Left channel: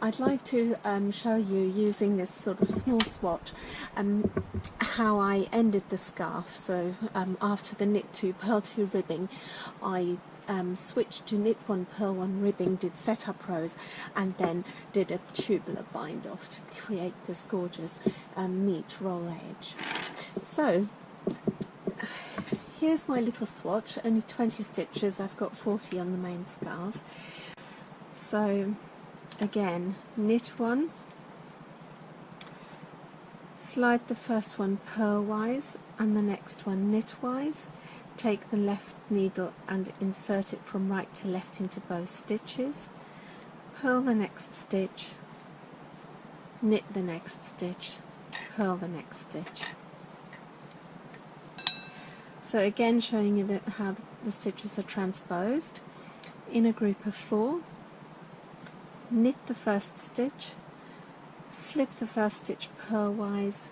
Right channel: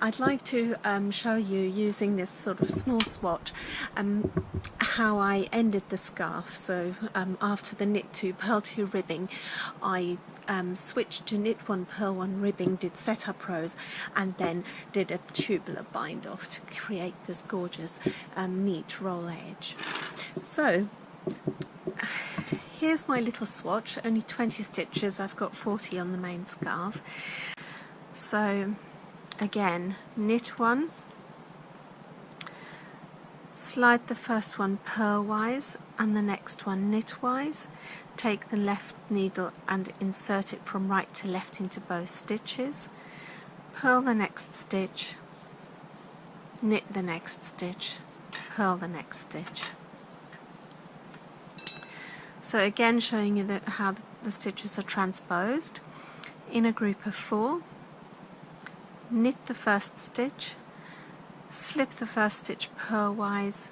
I'd like to show you, using this sort of small swatch, how I ended the scarf. So after the knit 2 purl 2 ribbing, I switched to knit 1 purl 1 ribbing, did setup rows, and then did a tubular bind off to create this gorgeous neat roll edge. So here's my little swatch, only 20 stitches, I've got 40 on the main scarf. So again, knit 1, slide the first one purlwise and the next one knitwise, take the left needle and insert it from right to left into both stitches, purl the next stitch, knit the next stitch, purl the next stitch. So again, showing you how the stitches are transposed. In a group of 4, knit the first stitch, slip the first stitch purlwise,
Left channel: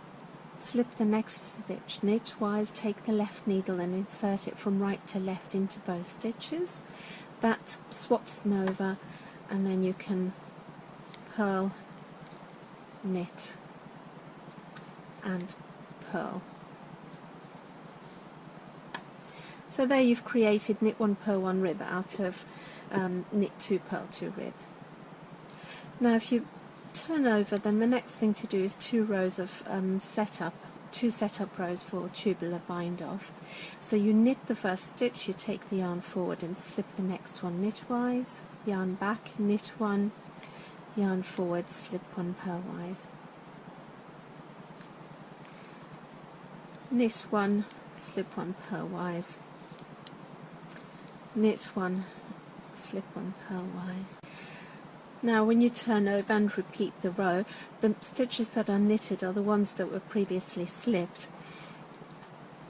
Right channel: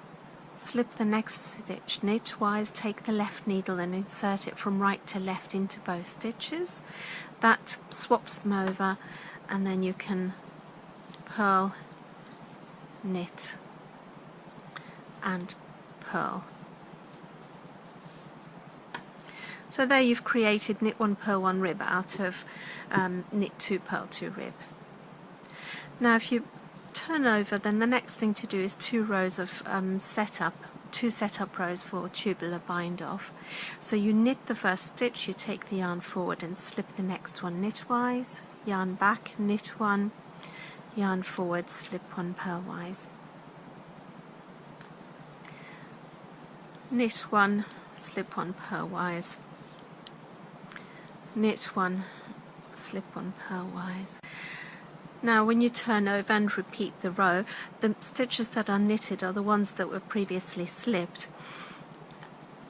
slip the next stitch knitwise, take the left needle and insert it from right to left into both stitches. That swaps them over, and then you can purl, knit and purl. So there you've created knit 1 purl 1 rib out of knit 2 purl 2 rib. Now if you turn over, then the next thing to do is 2 rows of two setup rows for tubular bind off. So you knit the first stitch, you take the yarn forward and slip the next one knitwise, yarn back, knit 1, yarn forward, slip 1 purlwise, knit 1, slip 1 purlwise, knit 1, slip 1 purlwise. Now when you turn over and repeat the row, the stitches that are knitted are the ones that were previously slipped,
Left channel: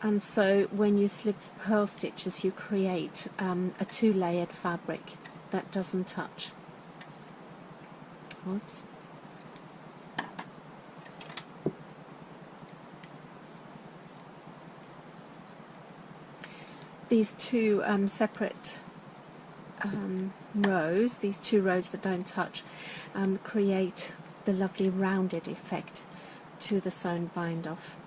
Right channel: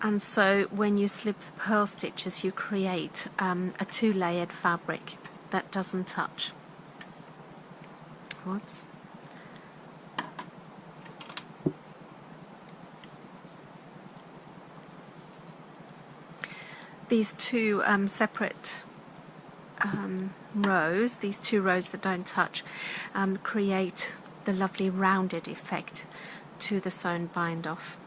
and so when you slip the purl stitches you create a 2-layered fabric that doesn't touch. Whoops. These 2 separate rows, these 2 rows that don't touch, create the lovely rounded effect to the sewn bind off.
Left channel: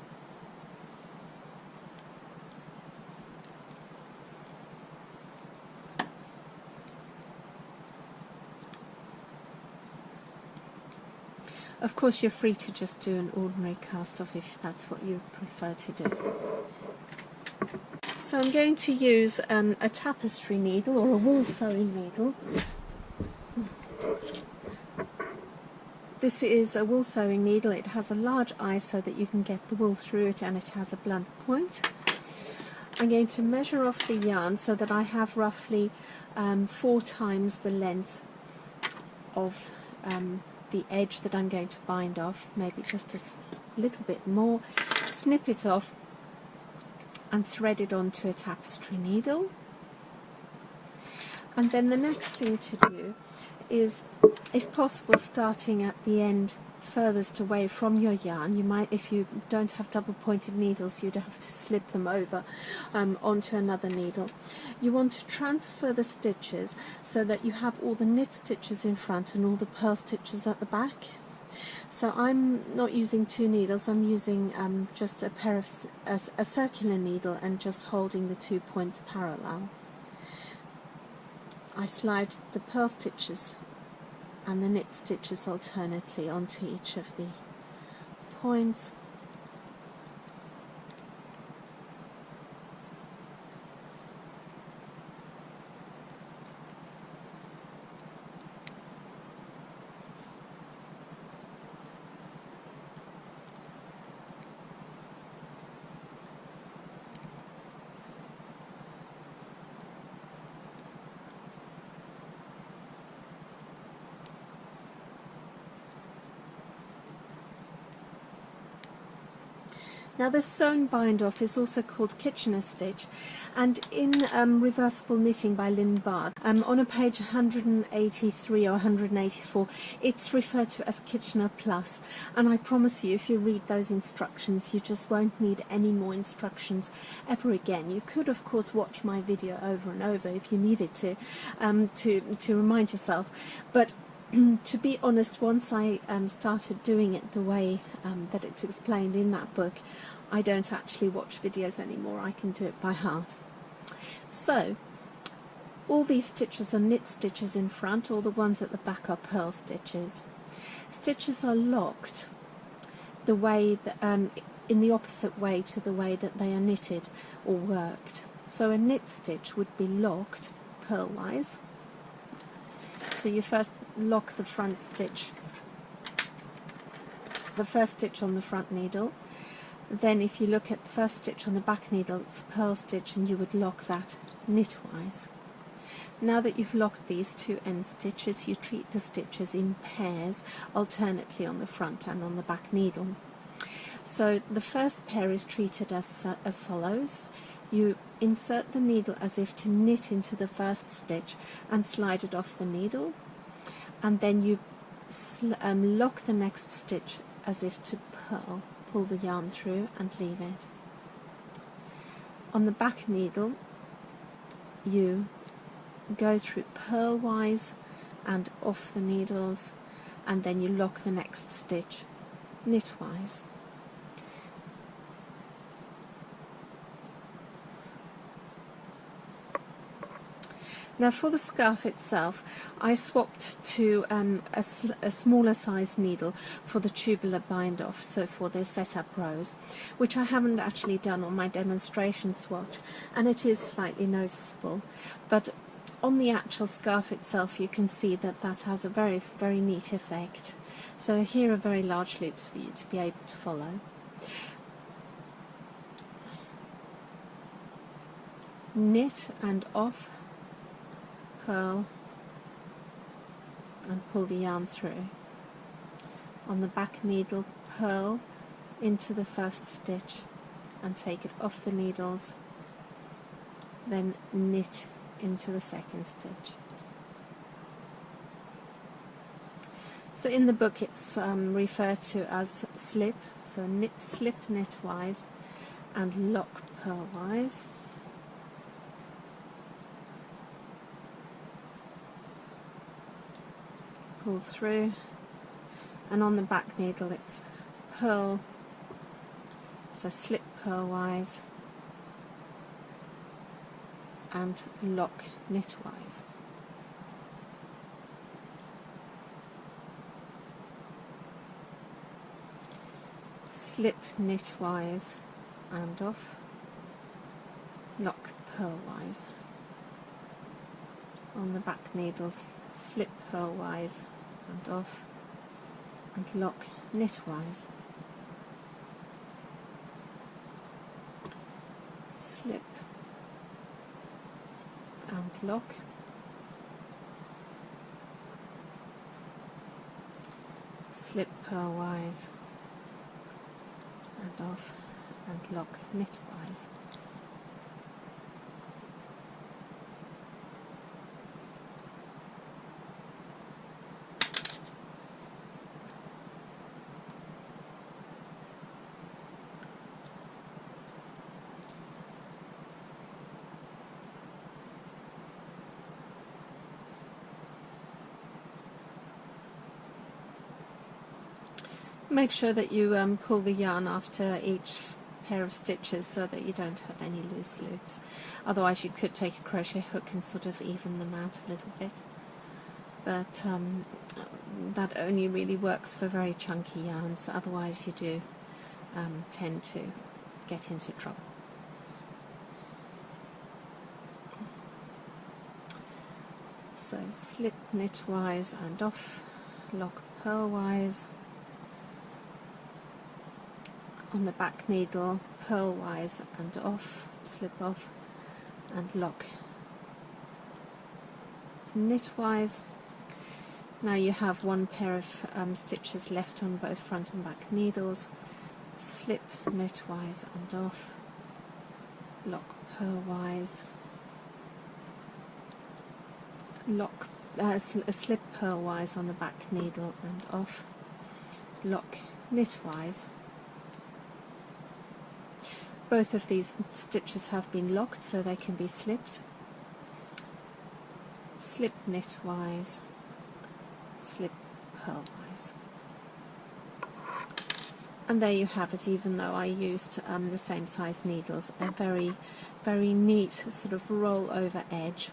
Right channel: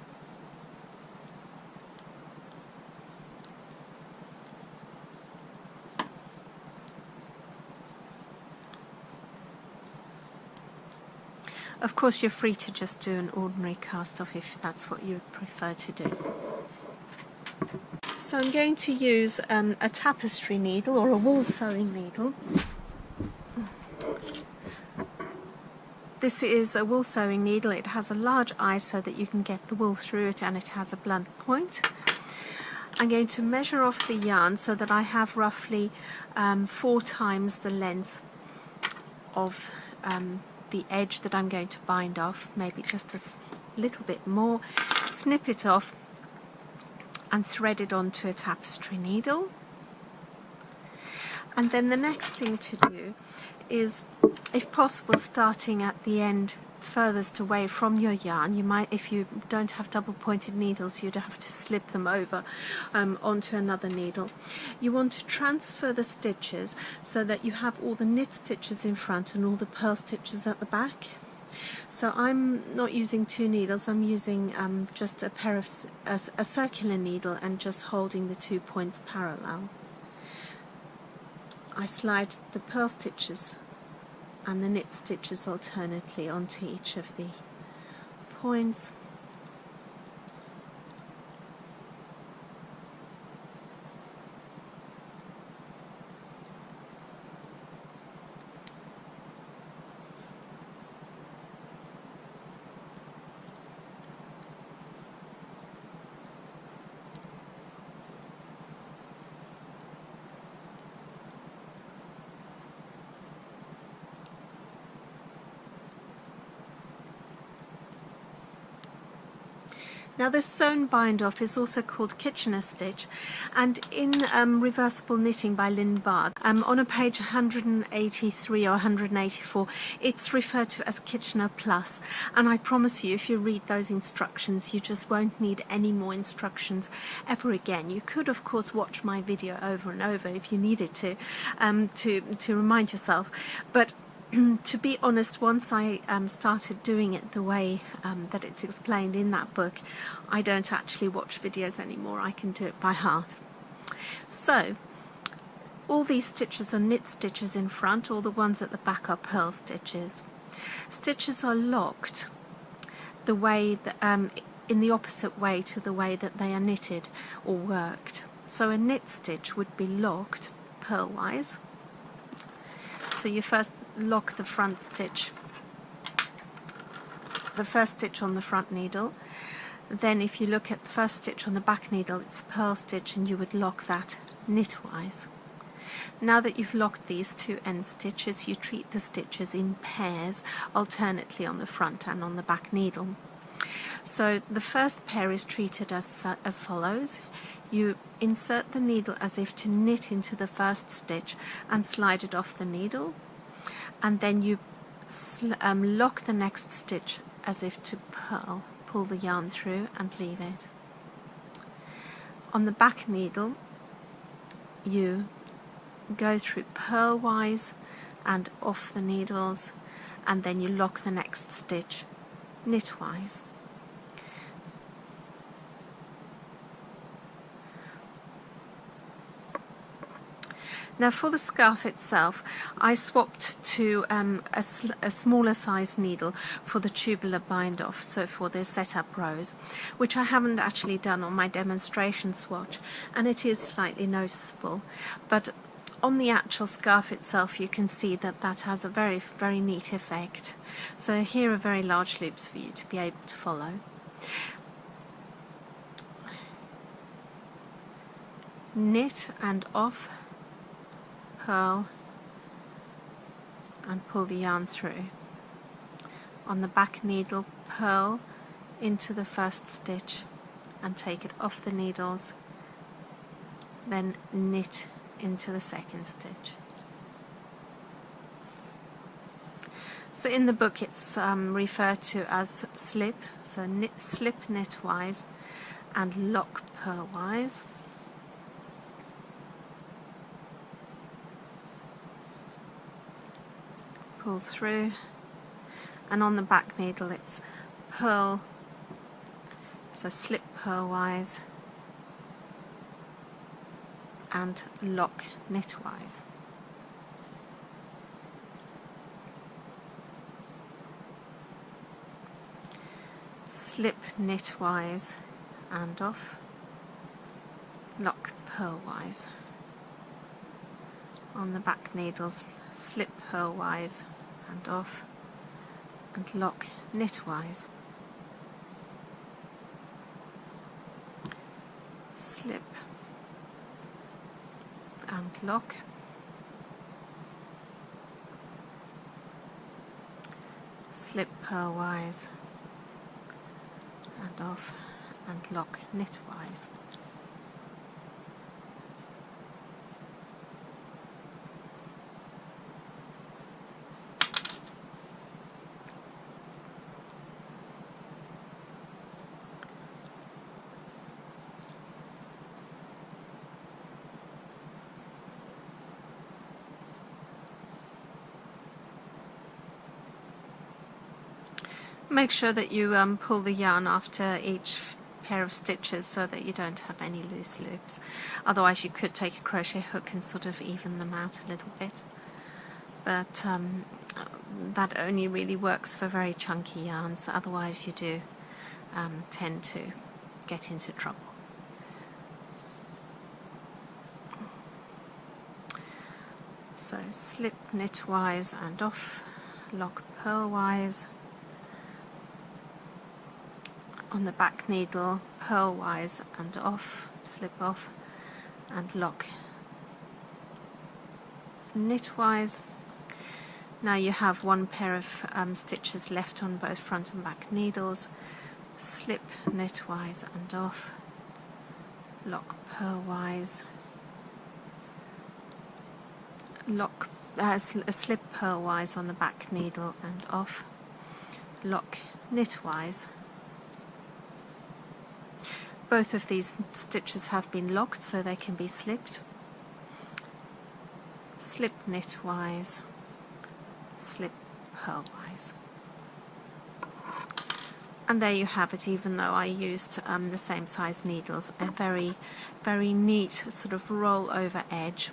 Of course you're free to just do an ordinary cast off if that's what you prefer to do. So I'm going to use a tapestry needle or a wool sewing needle. This is a wool sewing needle. It has a large eye so that you can get the wool through it, and it has a blunt point. I'm going to measure off the yarn so that I have roughly 4 times the length of the edge that I'm going to bind off, maybe just a little bit more. Snip it off and thread it onto a tapestry needle. And then the next thing to do is, if possible, starting at the end furthest away from your yarn. You might, if you don't have double pointed needles, you'd have to slip them over onto another needle. You want to transfer the stitches so that you have all the knit stitches in front and all the purl stitches at the back. So I'm not using 2 needles, I'm using just a pair of a circular needle and just holding the 2 points parallel. I slide the purl stitches and the knit stitches alternately onto each of the points. Now this sewn bind off is also called Kitchener stitch, and in Reversible Knitting by Lynn Bard, on a page 183 or 184, it's referred to as Kitchener Plus, and I promise you, if you read those instructions, you just won't need any more instructions ever again. You could of course watch my video over and over if you needed to remind yourself, but to be honest, once I started doing it the way that it's explained in that book, I don't actually watch videos anymore. I can do it by heart. So all these stitches are knit stitches in front, all the ones at the back are purl stitches. Stitches are locked the way that, in the opposite way to the way that they are knitted or worked. So a knit stitch would be locked purlwise. So you first lock the front stitch, the first stitch on the front needle. Then if you look at the first stitch on the back needle, it's a purl stitch, and you would lock that knitwise. Now that you've locked these two end stitches, you treat the stitches in pairs, alternately on the front and on the back needle. So the first pair is treated as follows. You insert the needle as if to knit into the first stitch and slide it off the needle, and then you lock the next stitch as if to purl, pull the yarn through and leave it. On the back needle you go through purlwise and off the needles, and then you lock the next stitch knitwise. Now for the scarf itself, I swapped to a smaller size needle for the tubular bind off, so for the setup rows, which I haven't actually done on my demonstration swatch, and it is slightly noticeable, but on the actual scarf itself you can see that that has a very, very neat effect. So here are very large loops for you to be able to follow. Knit and off, purl and pull the yarn through. On the back needle, purl into the first stitch and take it off the needles, then knit into the second stitch. So in the book it's referred to as slip, so slip knitwise and lock purlwise. Pull through, and on the back needle it's purl, so slip purlwise and lock knitwise. Slip knitwise and off, lock purlwise. On the back needles, slip purlwise and off and lock knitwise. Slip and lock, slip purlwise and off and lock knitwise. Make sure that you pull the yarn after each pair of stitches so that you don't have any loose loops. Otherwise you could take a crochet hook and sort of even them out a little bit. But that only really works for very chunky yarns, otherwise you do tend to get into trouble. So slip knitwise and off, lock purlwise. On the back needle, purlwise and off, slip off and lock knitwise. Now you have one pair of stitches left on both front and back needles. Slip knitwise and off, lock purlwise, lock slip purlwise on the back needle and off, lock knitwise. Both of these stitches have been locked so they can be slipped. Slip knitwise, slip purlwise. And there you have it, even though I used the same size needles, a very, very neat sort of roll over edge.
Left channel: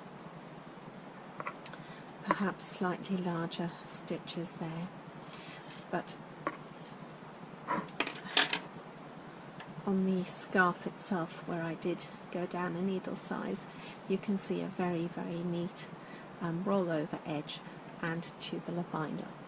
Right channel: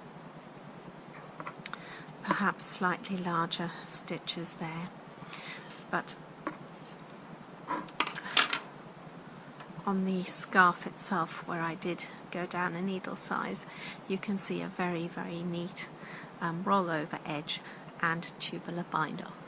Perhaps slightly larger stitches there, but on the scarf itself, where I did go down a needle size, you can see a very, very neat roll over edge and tubular bind off.